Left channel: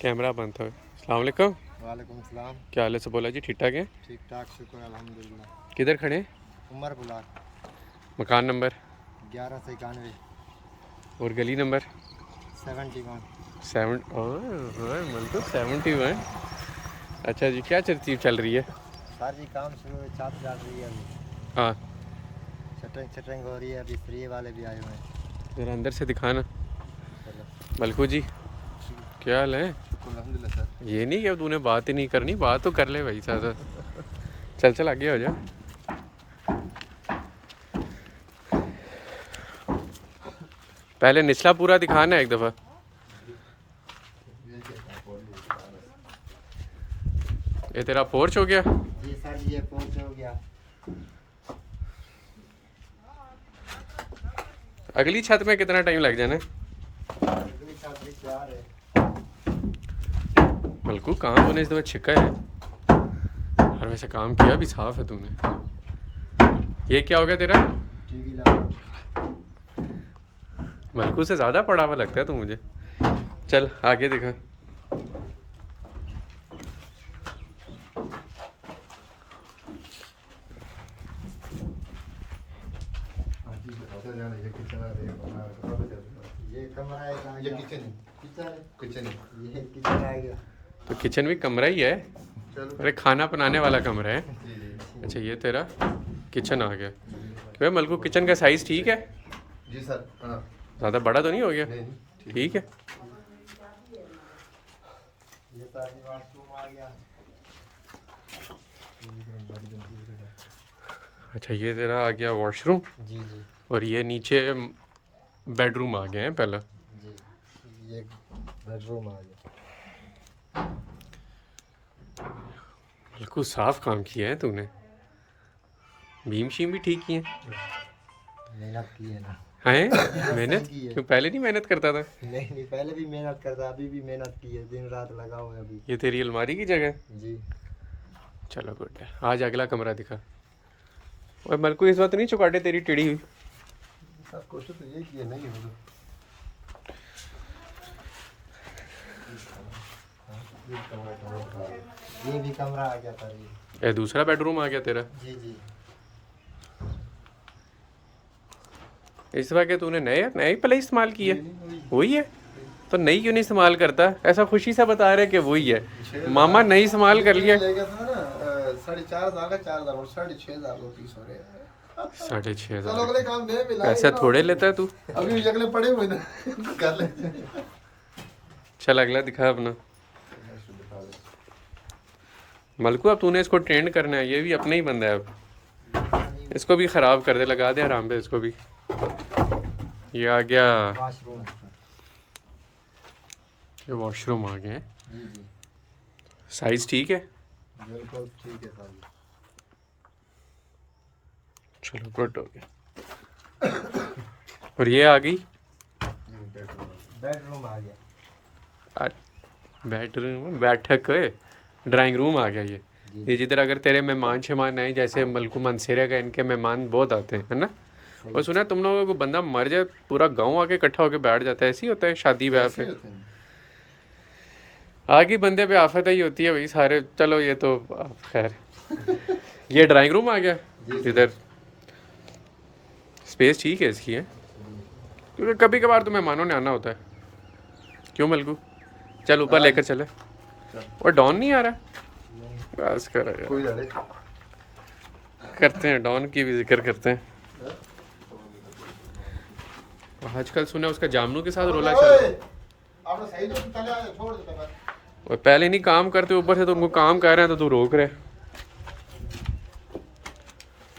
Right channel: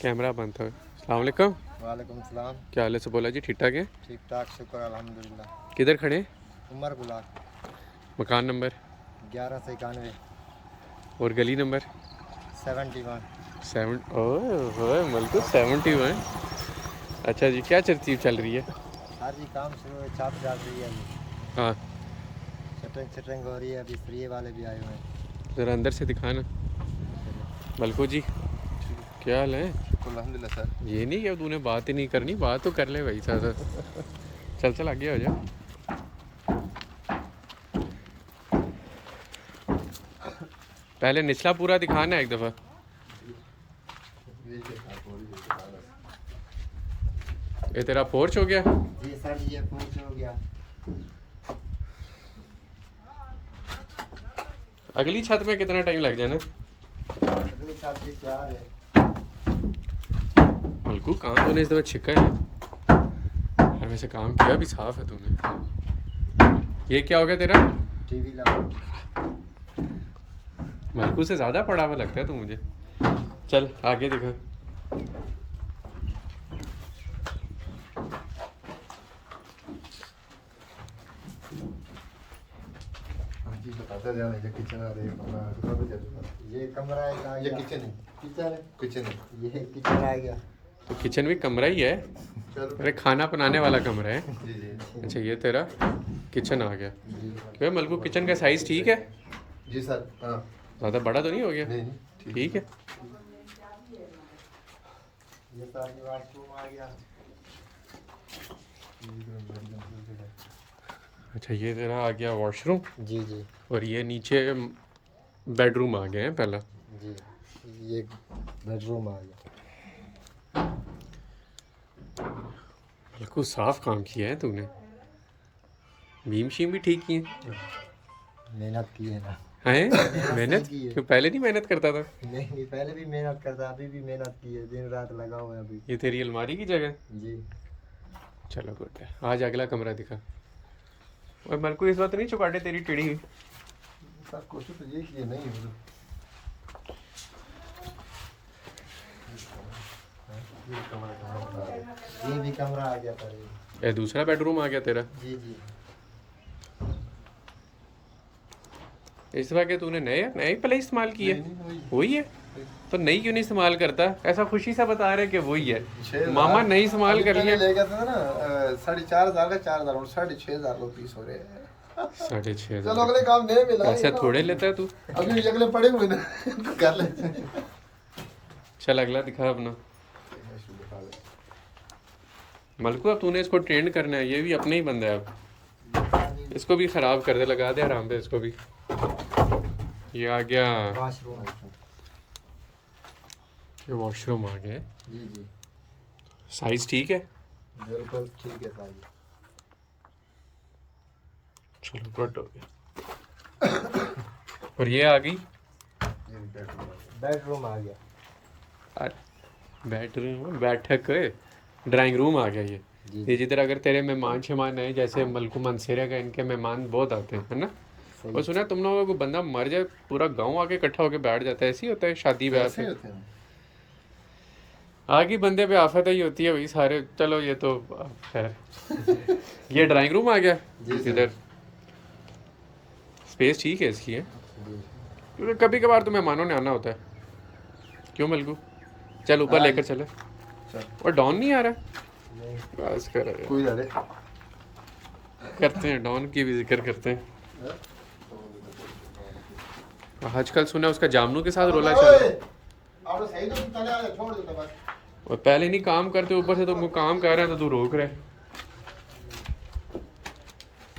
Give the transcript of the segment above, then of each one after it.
Camera बंद था। अस्सलाम वालेकुम। वालेकुम सलाम। क्या हाल है सब बोला जी, ठीक ठाक है? ठीक ठाक, शुक्र अल्हम्दुलिल्लाह। किधर खड़े हैं? उमर बुलाक मकान नंबर 1191 और गली नंबर 71। 7। ओह बिल्कुल 71। अच्छा जी, क्या तरतीब चल रही है? सर जी काम शुरू है, छत डाल रही है अभी, हाँ, शटरिंग शटरिंग हो रही है, अभी फ्री वाले भी आए हुए हैं। ज़रा अंदर से दिखाना। चलो मलकू जी, क्या हाल है? शुक्र अल्हम्दुलिल्लाह सर। ये नहीं कि अब तूने बात ही नहीं करनी, बात तो कर ले भाई साहब। चल चल आगे हो जा। पहले निचला पूरा दिखाना एक दफ़ा। ये तेरा पोर्च हो गया? जी सर जी, ये पहुँच हो गया। अगली छत में कितना टाइम लग जाना? अगली छत भी तैयार है। मलकू काम तूने इस दफ़ा छिका है, और वैसे काम किया भी साफ है तूने। ये क्या हो गया तेरा? टीवी लगा। मलकू से ज़्यादा पड़ा हुआ लगता है तू मुझे। चल आगे दिखा। ये कमरा है, आ ये गया। किचन किचन किचन है। ये किचन आ गया। तो किचन भी कमरा ही है? चलो अरे खाना बनाने वाला कमरा है। जी जी अच्छा ये तेरा किचन आ गया। क्या मलकू, किचन का साइज़ ठीक है? जी सर। हाँ ज़्यादा बड़ा तो नहीं हो गया? नहीं नहीं ठीक है। ये सर जी वाशरूम आ गया। अच्छा ये तेरा आ गया वॉशरूम, जी जी और ये नीचे बेडरूम आ गए हैं पहला। जी, ये बेडरूम आ गया। बिल्कुल साफ काम किया है तूने। बीम शीम भी ठीक की है? मेहनत की है ना। हैं मेहनत? की है। क्यों पहले नहीं मेहनत करता था? नहीं, पहले भी मेहनत करता, अभी भी मेहनत की है, दिन रात लगा हुआ है अभी। ये तेरी अलमारी की जगह है? जी चलो गुड है। आज अगला कमरा दिखा। और मलकू इस वक्त नहीं चौकाटे तेरी टेढ़ी हुई? सर कोशिश तो ये की है, नहीं हो ये भी कमरा आ गया सर जी। ये दूसरा बेडरूम आ गया तेरा। जी जी इस दफा क्या तूने नए नए पहले इस्तेमाल की है? नहीं, वही है? तो नई क्यों नहीं इस्तेमाल करता? ऐसा खुशी से बता रहे कि वही है। 6,000 मामा नई इस्तेमाल कर लिया। ले गया था ना 4,500 का 4,000 और 6,500 रुपीस हो रहे हैं। 6,500। चलो अगले काम दे मिला पैसे थोड़े लेता है तू। अभी अगले पड़े हुए ना कर ले। चल अगला दिखा अपना। मलकू अब तूने इसको ट्रेंड करना है, ये भी अपना ही बंदा है अब। इसको भी ख़राब कर दे, लगा दे आराम पे इसको भी। ये आ गया, वाशरूम। ये वॉशरूम आ गया। जी जी साइज़ ठीक है? बिल्कुल ठीक है सर जी। चलो गुड हो गया। और ये आ गई बेडरूम आ गया। बेडरूम, बैठक, ड्राइंग रूम आ गया ये। जी ये जिधर अगर तेरे मेहमान शेमान आए, जैसे मलकू मनसेरा का, इनके मेहमान बहुत आते हैं, है ना? और सुना तुम लोगों को बंदा मर जाए पूरा गांव आके इकट्ठा होके बैठ जाता है, ऐसे ही होता है शादी ब्याह ऐसे पे? होते हैं। आगे बंदे पे आफत ही होती है भाई सारे। चलो ये तो खैर। ये ड्राइंग रूम आ गया। जी सर। इधर स्पेस ठीक है इसकी है, जी क्योंकि कभी कभार तो मेहमानों ने आना होता है। क्यों मलकू? चल ऊपर हाँ लेकर चले। चल और डॉन नहीं आ रहा? नहीं, बस करो यार। कोई लड़े करते हैं, डॉन की भी जिक्र करते हैं। आजकल सुना उसका जामनू के साथ रोला चल रहा है। आप सही तो पहले आ छोड़ दो बस। और पहले नहीं काम करते, ऊपर से तो उनको काम कर रहे हैं तो तू रोक रहे है।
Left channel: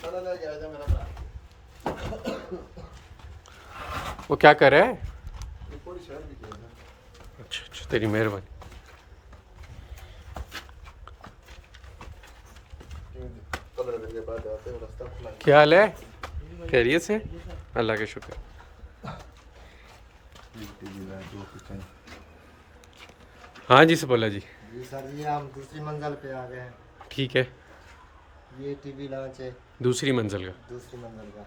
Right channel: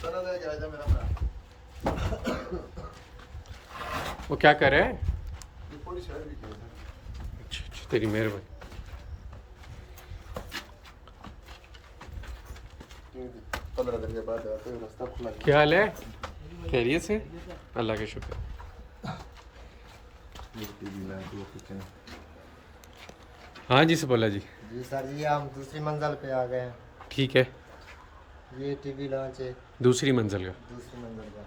चलो ले जाएगा मेरा भरा। वो क्या कर रहा है? थोड़ी शहर भी किया था। अच्छा अच्छा, तेरी मेहरबानी। 15 दिन के बाद जाते हैं, रास्ता खुला है। क्या हाल है? खैरियत से? अल्लाह का शुक्र। हाँ जी बोला जी। जी सर जी, हम दूसरी मंजिल पे आ गए हैं। ठीक है, ये टीवी लॉन्च है दूसरी मंजिल का। दूसरी मंजिल का।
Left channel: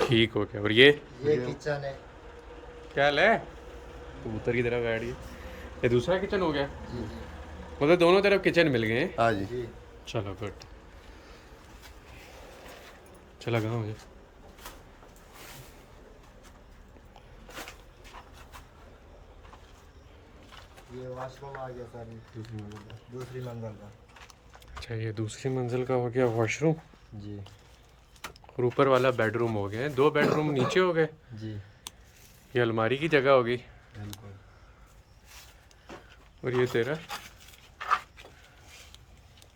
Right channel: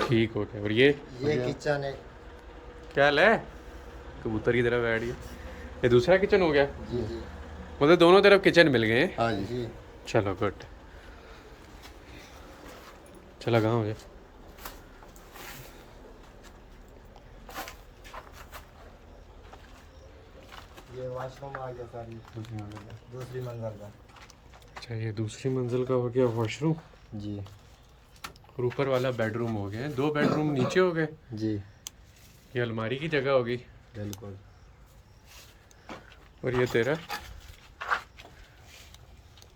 ठीक हो गया। और ये ये किचन है। क्या हाल है? कबूतर की तरफ बैठ गया। ये दूसरा किचन हो गया, जी जी मतलब दोनों तरफ किचन मिल गए हैं। हाँ जी। जी। चलो गुड, चला कहाँ हो गया। ये वॉशरूम आ गया सारी दूसरी मंजिल का। अच्छा ये दूसरी मंजिल का हो गया वॉशरूम, जी और ऊपर वाला बेडरूम हो गया है। 2 बेडरूम नीचे हो गए। जी ये अलमारी की जगह होगी, बिल्कुल। और ये तेरा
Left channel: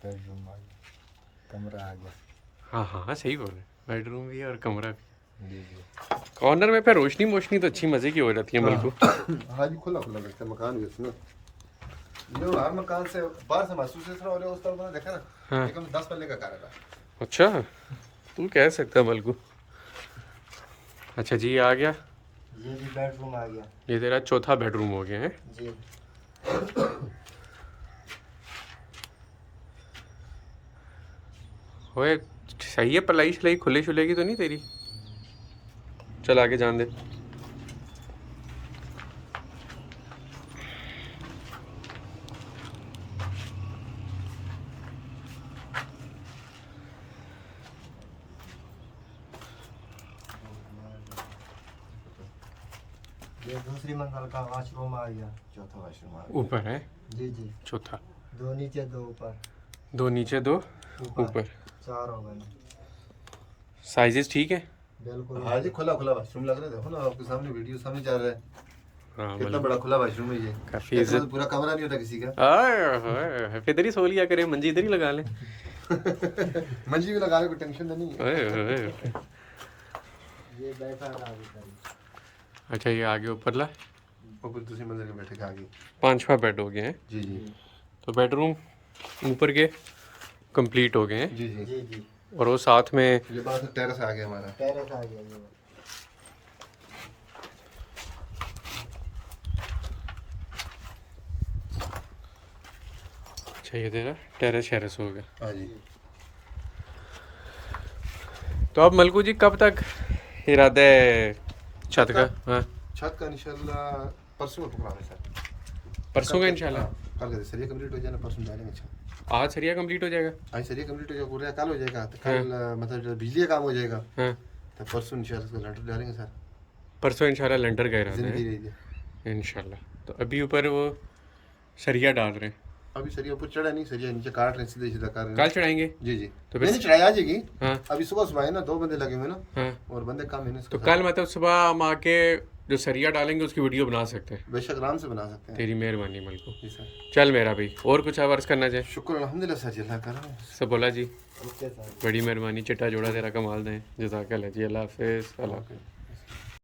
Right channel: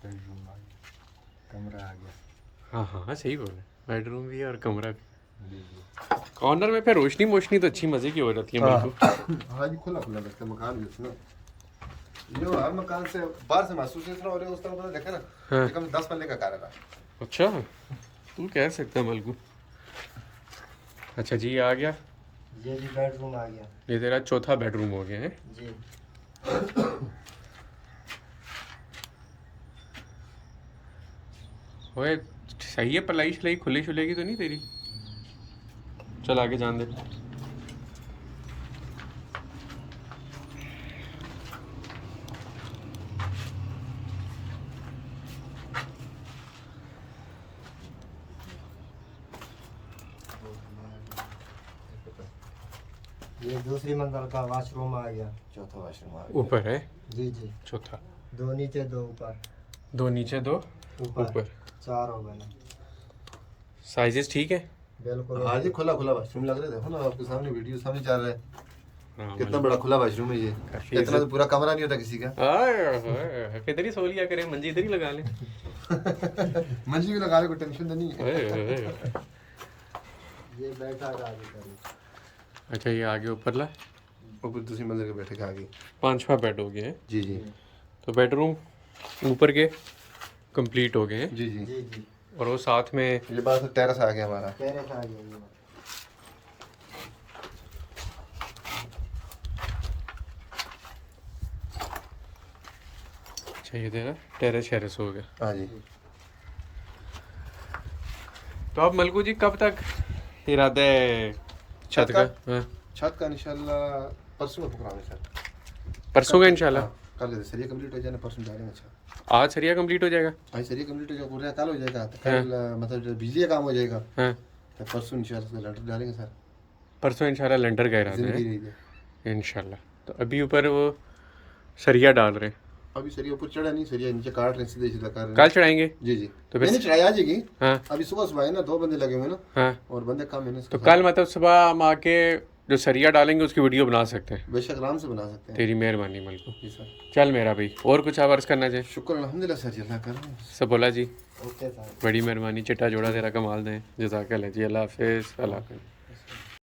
बेडरूम आ गया, कमरा आ गया। हाँ हाँ हाँ सही बोले, बेडरूम भी है और कमरा भी। जी जी। कॉर्नर में फिर रोशनी मोशनी तो अच्छी मज़े की हो जाती है मेरे को। हाँ जी, खुला खुला लगता है मकान भी इसमें। जो हर मकान से बाहर से महसूस इस तरह हो रहा है, उस तरह मैंने देखा ना, हाँ। कम 10 पल्ले का कार है। अच्छा तू कह सकता मलकू। अच्छा जी आ गया, ये भी बेडरूम आ गया। ये तेरा चौथा बेडरूम हो गया है। जी ओए सही है, पलाई शलाई खुले शुलेगी तो नहीं तेरी। चल आगे जान दे। ये दूसरी मंजिल का वॉशरूम आ गया। चौथा वाशरूम आ ऊपर है जी जी। चौथा, 2 नीचे 2 ऊपर। 2 नीचे 2 ऊपर। 4 हो गए। साइजेस ठीक है। बिल्कुल। हाँ जी, खुला खुला वाशरूम लग रहा है। देखो ना आपके सामने वीडियो सामने चल रहा है, हाँ कितना बड़ा खुला वाशरूम है ये। काफी इतना तो पूरा कमरा नहीं होता किसी का। फिर इधर ही सो लिया करें, मंजी इधर ही लगा ले। मंजी भी लगा ले, कोई टेंशन तो नहीं है। ये बैठा था आगे करी। अच्छा ये आगे ऊपर ला, ऊपर दूसरी मंजिल के बैठे के आगे। 5वां बेड हो गया है। जी जी तो बेडरूम ऊपर के कंप्लीट हो गए हैं, जी जी। जी जी। और वो साथ में ये बात टेरेस आ गया हमारा। टेरेस आ गया ये। अच्छा ये तेरा टेरेस शेरेस हो गया। हाँ जी। तो अब मलकू जी कब तक इरादा है छत का? हाँ छत का इंशाल्लाह परसों में पकड़ाएंगे सर। परसों का इंशाल्लाह। हाँ, कल का सरिया कंप्लीट हो जाए ना, परसों डालेंगे छत। आज सरिया कंप्लीट हो जाएगा। आज सरिया कंप्लीट हो जाएगा, पूरा कल हो जाएगा। तो कल मतलब जो बिजली का काम हो जाएगा, हाँ तो परसों इंशाल्लाह उसका लेंटर डालेंगे सर। परसों इंशाल्लाह लेंटर का इरादा जिंदगी है रही है। इंशाल्लाह। तो अभी ऊपर वो सरिया डाल रहे हैं, अभी सरिया ऊपर चढ़ा नहीं, सरिया नीचे काट रहे हैं, सीधे सीधा कर रहे हैं। कल चढ़ाएंगे। जी जी। तो फिर नहीं चढ़ाई आ जाएगी। हाँ अभी सुबह सुबह है ना, 2 बंदे लगे हुए हैं ना, हाँ, और बंदे कम है ना इसके तो साथ। कल मतलब सुबह हम आके जो सरिया डालेंगे उसकी वीडियो बना सकते हैं। बेशक आराम से बना सकते हैं। तेरी मेहरबानी मलकू। जी सर। चल मेरा भाई, और कुछ आवर्स करना चाहे शुक्र अल्हम्दुलिल्लाह सर जी, अल्लाह कर रहे हैं। सब बोला जी, ओके सर। बड़ी मेहरबानी, चिट्टा जोड़ा तेरा कमाल दें। जज़ाकल्लाह जी, अल्लाह हाफिज़। अल्लाह हाफिज़।